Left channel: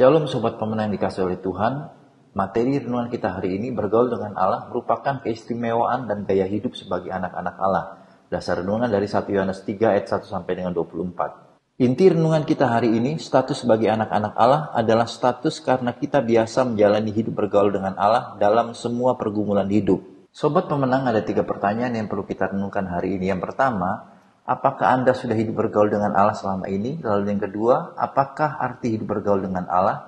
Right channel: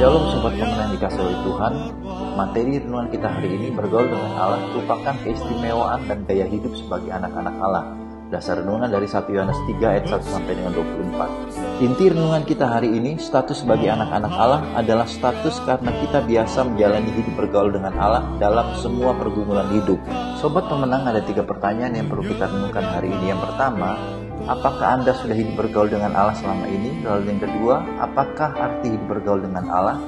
Shalom Sobat Pemenang yang dikasih oleh Tuhan. Materi renungan kita hari ini, bergaul dengan Allah merupakan keistimewaan dan gaya hidup sebagai anak-anak Allah. Dasar renungan dari 1 Yohanes 3 ayat 1 sampai dengan 24. Inti renungan kita hari ini, status sebagai anak-anak Allah adalah status karena kita biasa menjalani hidup bergaul dengan Allah dalam semua pergumulan hidup. Sobat Pemenang, ada 3 pertanyaan yang perlu kita renungkan hari ini. Yang pertama, apakah Anda sudah hidup bergaul dengan Allah selama ini? Lalu yang kedua, apakah arti hidup bergaul dengan Allah?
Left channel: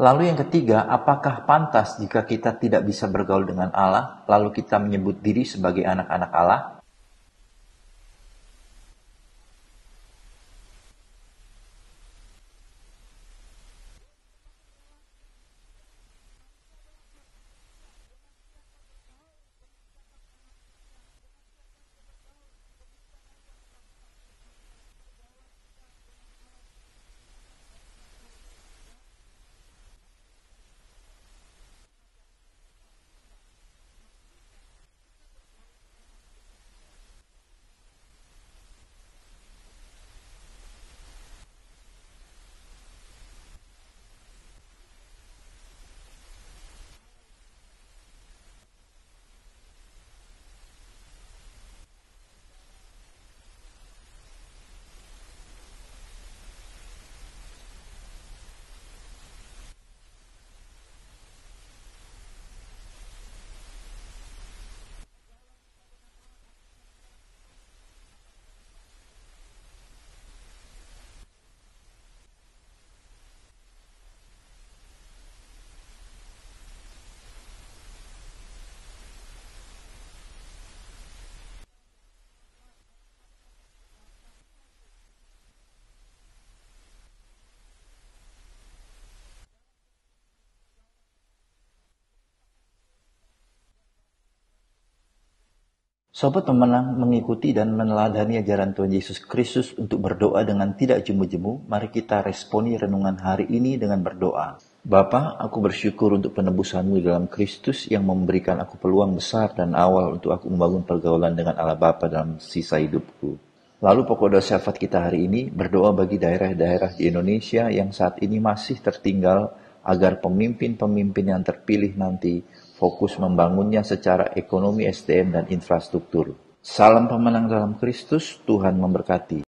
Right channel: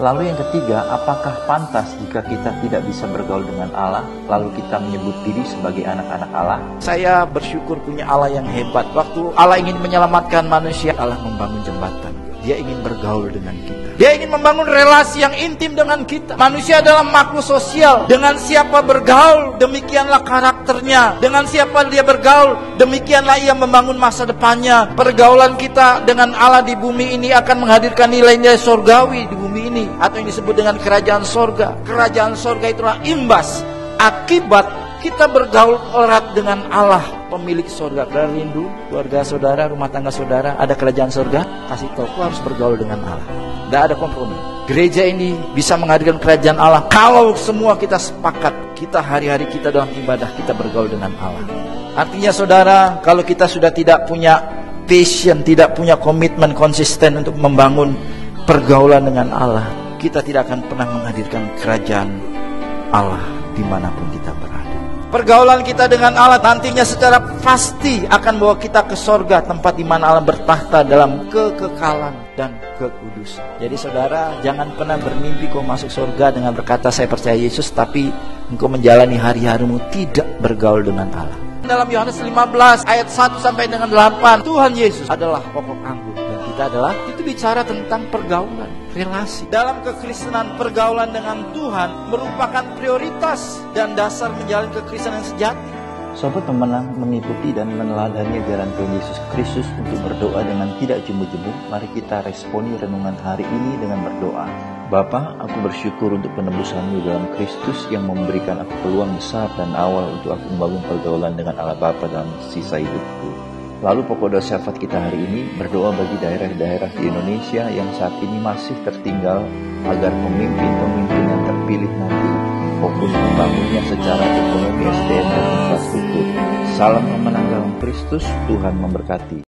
Lalu yang ketiga, apakah pantas jika kita tidak bisa bergaul dengan Allah, lalu kita menyebut diri sebagai anak-anak Allah? Saya bersyukur punya Allah yang hebat. Waktu Allah ingin menyelamatkan manusia, Allah membangun jembatan. Dia ingin bergaul dengan kita. Dia ingin membangun relasi yang intim dengan kita. Manusia adalah makhluk sosial. Dengan siapa bergaul, demikianlah karakternya. Dengan siapa dia bergaul, demikianlah ia membangun masa depannya. Pergaulan kita dengan Allah di bumi ini akan menghadirkan nilai-nilai surgawi di bumi ini, atau yang disebut dengan kerajaan sorga. Kerajaan sorga itulah imbas, akibat kita bergaul erat dengan Allah, pemilik sorga. Saudara rindu keluarga saudara, rumah tangga saudara, ada kerajaan sorga? Kasih tahu, aku harus bergaul dengan Allah. Tidak ada kompromi. Gereja ini bisa menghadirkan kerajaan Allah kalau semua kita sepakat, kita hari-hari kita dalam ibadah, kita bergaul dengan Allah. Artinya saudara, kalau kita sudah tidak punya passion, tidak punya komitmen konsisten untuk membangun pergaulan dengan Allah, kita tidak akan pernah menghadirkan kerajaan Allah dimanapun kita berada. Pergaulan kita dengan Allah nantinya secara pasti akan bawa kita ke sorga, tempat di mana Allah bertahta dalam kekekalan dan kekudusan. Jadi saudara, jangan pernah bermimpi kau masuk sorga dengan berkata saya percaya Yesus, tapi engkau menjalani hari-harimu tidak bergaul dengan Allah. Dalam Yohanes 15 ayat 1 sampai dengan 8, Tuhan Yesus adalah pokok anggur dan kita adalah, itu bicara tentang pergaulan, relasi. Dalam kekristenan, pergaulan dengan Tuhan merupakan prioritas dan dasar menjalani kekristenan yang sejati. Sobat Pemenang, mengikuti dan meneladani ajaran Tuhan Yesus Kristus untuk berdoa dengan tidak jemu-jemu. Mari kita responi renungan hari ini dengan berdoa. Bapa, aku bersyukur untuk penebusan-Mu dalam Kristus yang memberikan aku peluang besar dan awal untuk aku membangun pergaulan dengan Allah Bapa dalam sisa hidupku. Lalu pokok doa syafaat kita hari ini, berdoa bagi daerah-daerah di Indonesia yang saat ini masih tertinggal, agar pemimpin-pemimpin yang terpilih nanti fokus membangunnya secara ekonomi, SDM, dan infrastruktur. Salam pemenang dalam Kristus, Tuhan memberkati.